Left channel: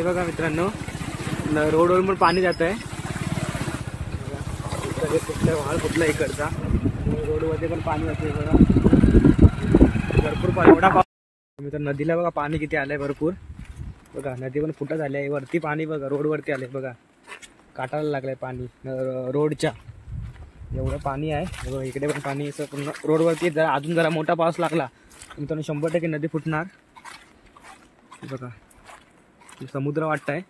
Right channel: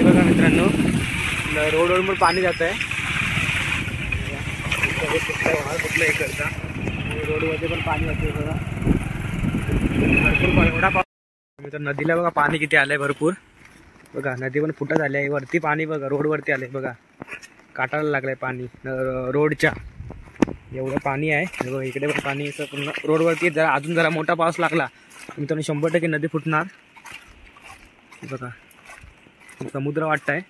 हे बघा मित्रांनो, रोडवर पण पाणी जात आहे. कुठल्या इकडचा रोडमध्ये पण पाणी जाते बघा, भरपूर पाणी. एवढा पाऊस मित्र, नदीला बघा पाणी किती आलंय भरपूर. बघा नदी पण फुटत आली आहे. वरती पाणी बघा, रोडवरती आलंय बघा, काटायला लागलंय पाणी रोडच्या. एवढं पाणी आहे बघा. इकडे पण पाणी असं पूर्ण रोडवरती. जरा अजून जरा मोठा पाऊस लागला मित्रांनो 100% नदी फुटणार. बघा समुद्र वाटतंय.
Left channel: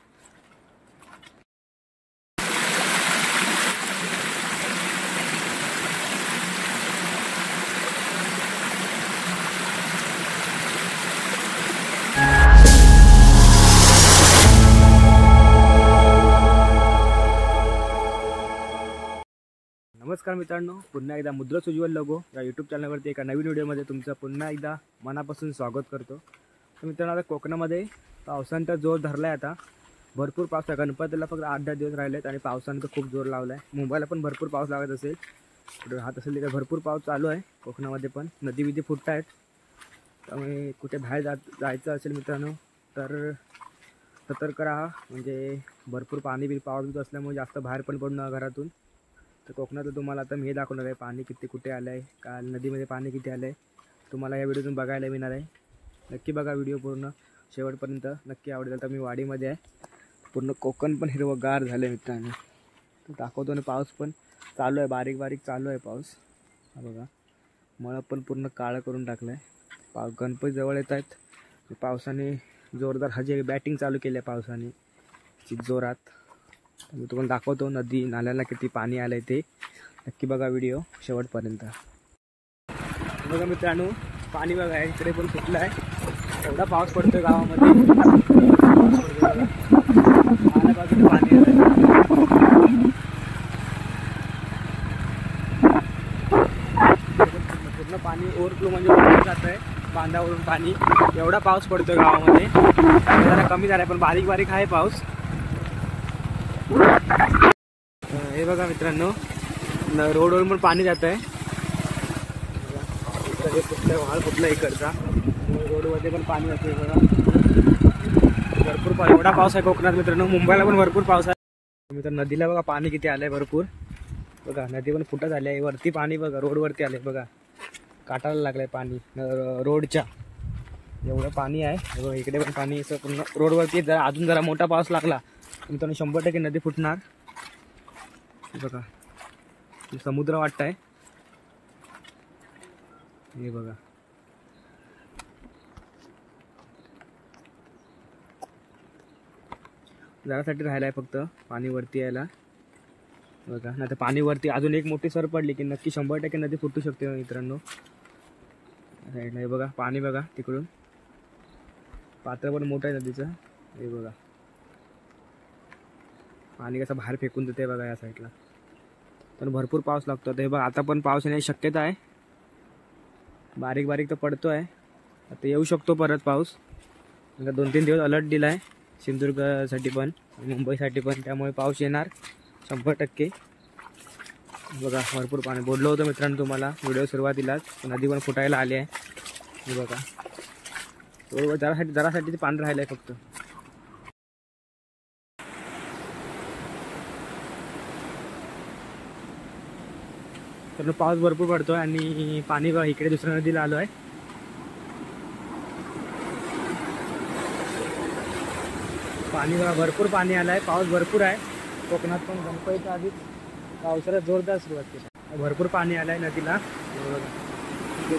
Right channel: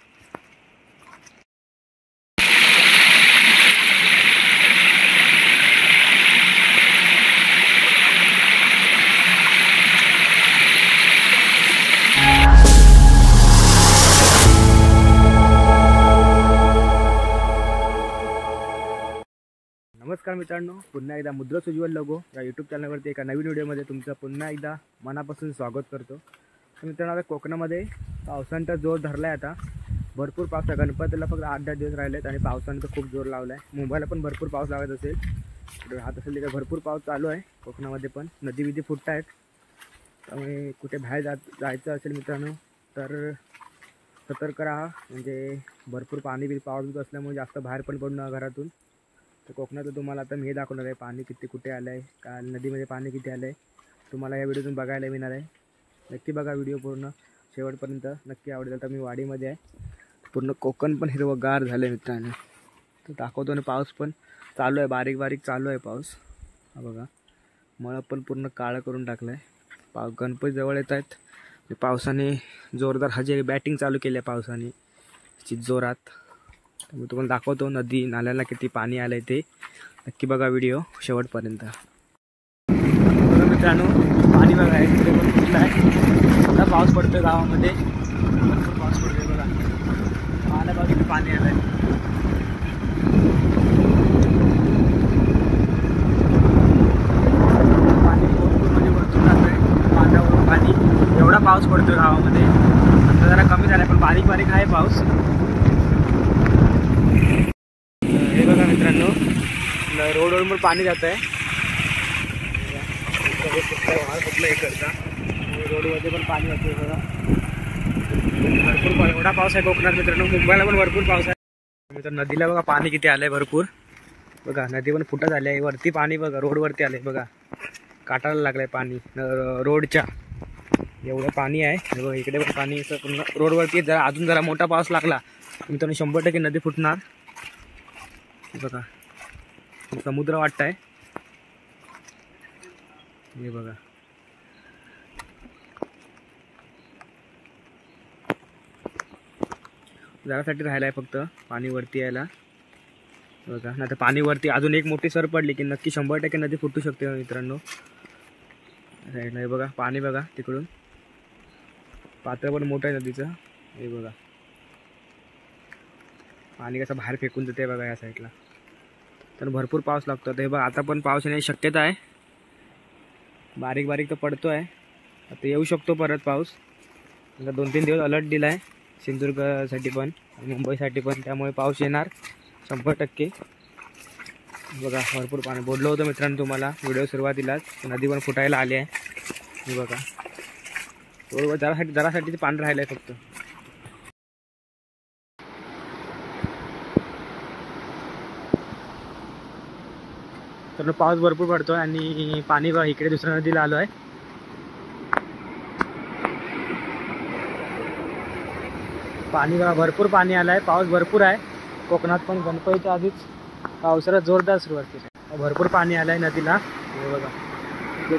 नमस्कार मित्रांनो, पुन्हा एकदा मुद्रस उज्ज्वल लोगो या यूट्यूब चॅनलवरती एका नवीन व्हिडिओमध्ये तुमचं पुन्हा एकदा मनापासून स्वागत करतो. तर मित्रांनो, आता कोकणामध्ये पावसाचा जोर धरला आहे. आता भरपूर पाऊस आहे. गणपतीला फक्त 8-10 दिवस राहिलेत आणि पावसाने तर खूप जोर लावला आहे. मुंबईला पण भरपूर पाऊस लागत असेल, राहत असेल तिथे भरपूर पाऊस चालू आहे. कोकणामध्ये पण नदी विधी फुटत आहेत. त्यामुळे कुठे बाहेर जायचं असेल मित्रांनो तर सतर्क राहा. म्हणजे भरपूर पाऊस असल्यामुळे जास्त बाहेर पण पडू नका घरातून. तर कोकणात तुम्हाला आता मी हे दाखवणार आहे पाणी किती कुठे आलं आहे, काल नदीमध्ये पाणी किती आलं आहे तुम्हाला या व्हिडिओतून बघायला मिळणार आहे. नक्की बघा व्हिडिओ पूर्ण शेवटपर्यंत, नक्की आवडेल. तर मी वाडीमध्ये आहे, पूर्ण कोकण पण हिरवंगार झालं आहे मित्रांनो. तर दाखवतो. आणि पाऊस पण चालू आहे, बारीक बारीक चालू आहे पाऊस. हा बघा, मळं पण पूर्ण काळं करून टाकलं आहे. गणपती जवळ येत आहेत. पावसाने जोरदार हजेरी बॅटिंग चालू केली आहे पावसाने जोरात. मी तुम्हाला दाखवतो नदी नाल्याला किती पाणी आलं आहे ते. नक्की बघा व्हिडिओ शेवटपर्यंत. बघा मित्रांनो, पाणी बघा इकडे पण फुटलं आहे. एवढा पाऊस पडतोय गावामध्ये, पाऊस पडतोय बघा. पाण्यापासून पाणी आलं आहे. पाणी भरपूर म्हणजे भरपूर जात आहे बांधावरून पाणी. एवढा पाऊस पडतोय गावामध्ये. जरा कमी झाला पण बारीक बारीक आहे पाऊस. हे बघा मित्रांनो, रोडवर पण पाणी जात आहे. कुठल्या इकडचा रोडमध्ये पण पाणी जाते बघा, भरपूर पाणी. एवढा पाऊस आहे कोकणात मित्रांनो. मुंबईला पण भरपूर पाऊस आहे मित्रांनो. नदीला बघा पाणी किती आलंय भरपूर. बघा नदी पण फुटत आली आहे. वरती पाणी बघा, रोडवरती आलंय बघा, काटायला लागलंय पाणी रोडच्या. एवढं पाणी आहे बघा. इकडे पण पाणी असं पूर्ण रोडवरती. जरा अजून जरा मोठा पाऊस लागला मित्रांनो 100% नदी फुटणार. बघा समुद्र वाटतंय. हे बघा जरासाठी राहिला आहे फक्त पाणी वरती यायला. बघा नाही तर पाणी वरती अजून एक मोठी सर पडली की नक्की 100% नदी फुटू शकते मित्रांनो. हे बघा पाणी बघा, तिकडून पात्र पण मोठं आहे नदीचं. हे बघा पाणी कसं बाहेर फेकून देते बघा या साईडला. तर भरपूर पाऊस लागतो. हे बघा आता पण पाऊस येण्याची शक्यता आहे. बारीक बारीक तर पडतो आहे. आता येऊ शकतो परत पाऊस. आता 2-3 दिवस अलर्ट दिला आहे सिंधुदुर्गसाठी पण मुंबईसाठी पण. त्यामुळे पाऊस येणार 100%. बघा भरपूर पाणी बोललो होतं मित्रांनो तुम्हाला व्हिडिओ सुरुवातीलाच. नदी पण फुटायला आली आहे. हे बघा बरोबर जरासाठी पाणी राहिलं आहे फक्त. तर पाऊस भरपूर पडतोय आणि पाणी बघा इकडे दुसऱ्या नदीला आलो आहे. पाणी बघा भरपूर पाणी आलं आहे. पाऊस भरपूर आहे कोकणात पण. गणपतीच्या आधीच पावसाला जोरदार सुरुवात केली. भरपूर पाणी आलं आहे नदीला. हे बघा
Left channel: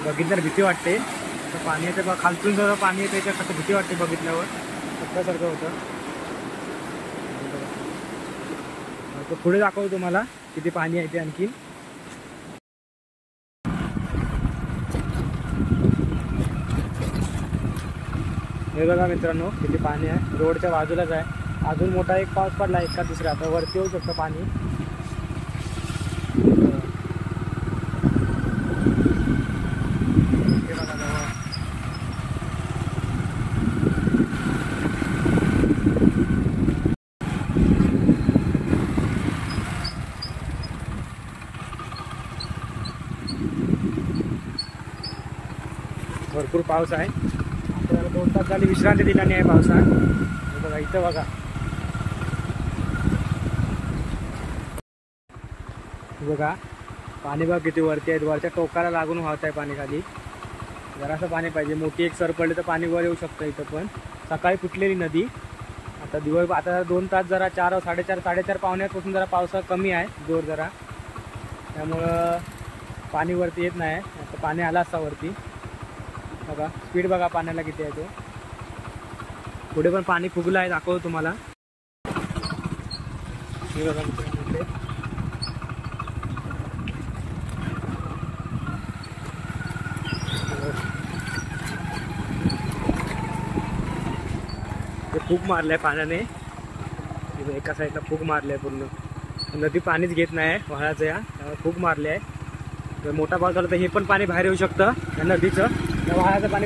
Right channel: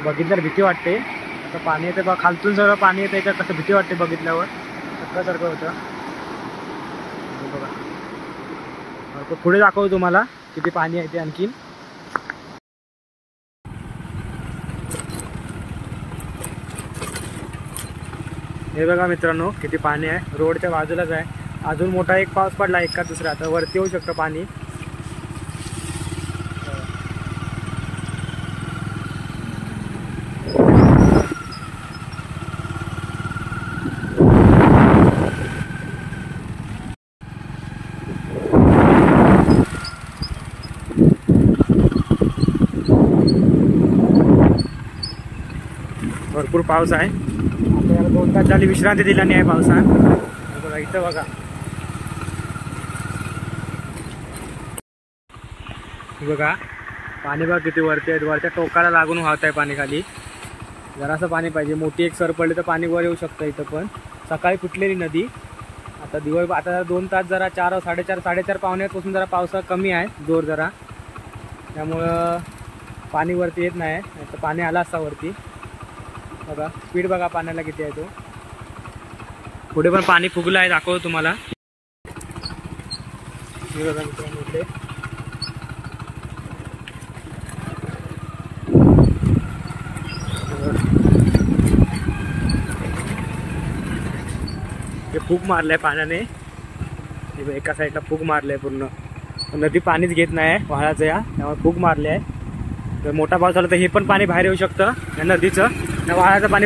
बघितल्यावर भीती वाटते. आता पाणी येते बघा, खालतून सगळं पाणी येतं. याच्यात कसं भीती वाटते बघितल्यावर, सारखं होतं. बघा पुढे दाखवतो तुम्हाला किती पाणी आहे ते आणखीन. हे बघा मित्रांनो किती पाणी आहे. रोडच्या बाजूलाच आहे. अजून मोठा एक पाऊस पडला एक का दुसरा, आता वरती येऊ शकतं पाणी. भरपूर पाऊस आहे. आपल्याला 2 तास झाली विश्रांती दिल्याने आहे पावसात. बघा इथं बघा, बघा पाणी बघा किती वरती आहे, वरच्या टोकाला लागून वाहत आहे पाणी खाली. जरासं पाणी पाहिजे, मोठी एक सर पडली तर पाणी वर येऊ शकतं इथं. पण सकाळी फुटलेली नदी, आता दिवस आता 2 तास जरा 4 साडेचार पावण्यापासून जरा पावसा कमी आहे जोर जरा, त्यामुळं पाणी वरती येत नाही. आता पाणी आला असता वरती. बघा स्पीड बघा पाण्याला किती आहे तो. पुढे पण पाणी फुगलं आहे, दाखवतो तुम्हाला. हे बघा मित्रांनो, हे फूक मारलंय पाण्याने, एका साईडला फूक मारलंय पूर्ण. नदी पाणीच घेत नाही वाळाचं, या त्यामुळे फूक मारले आहे. जर मोठा पाऊस झाला तर हे पण पाणी बाहेर येऊ शकतं या नदीचं, या वाळाचं पाणी.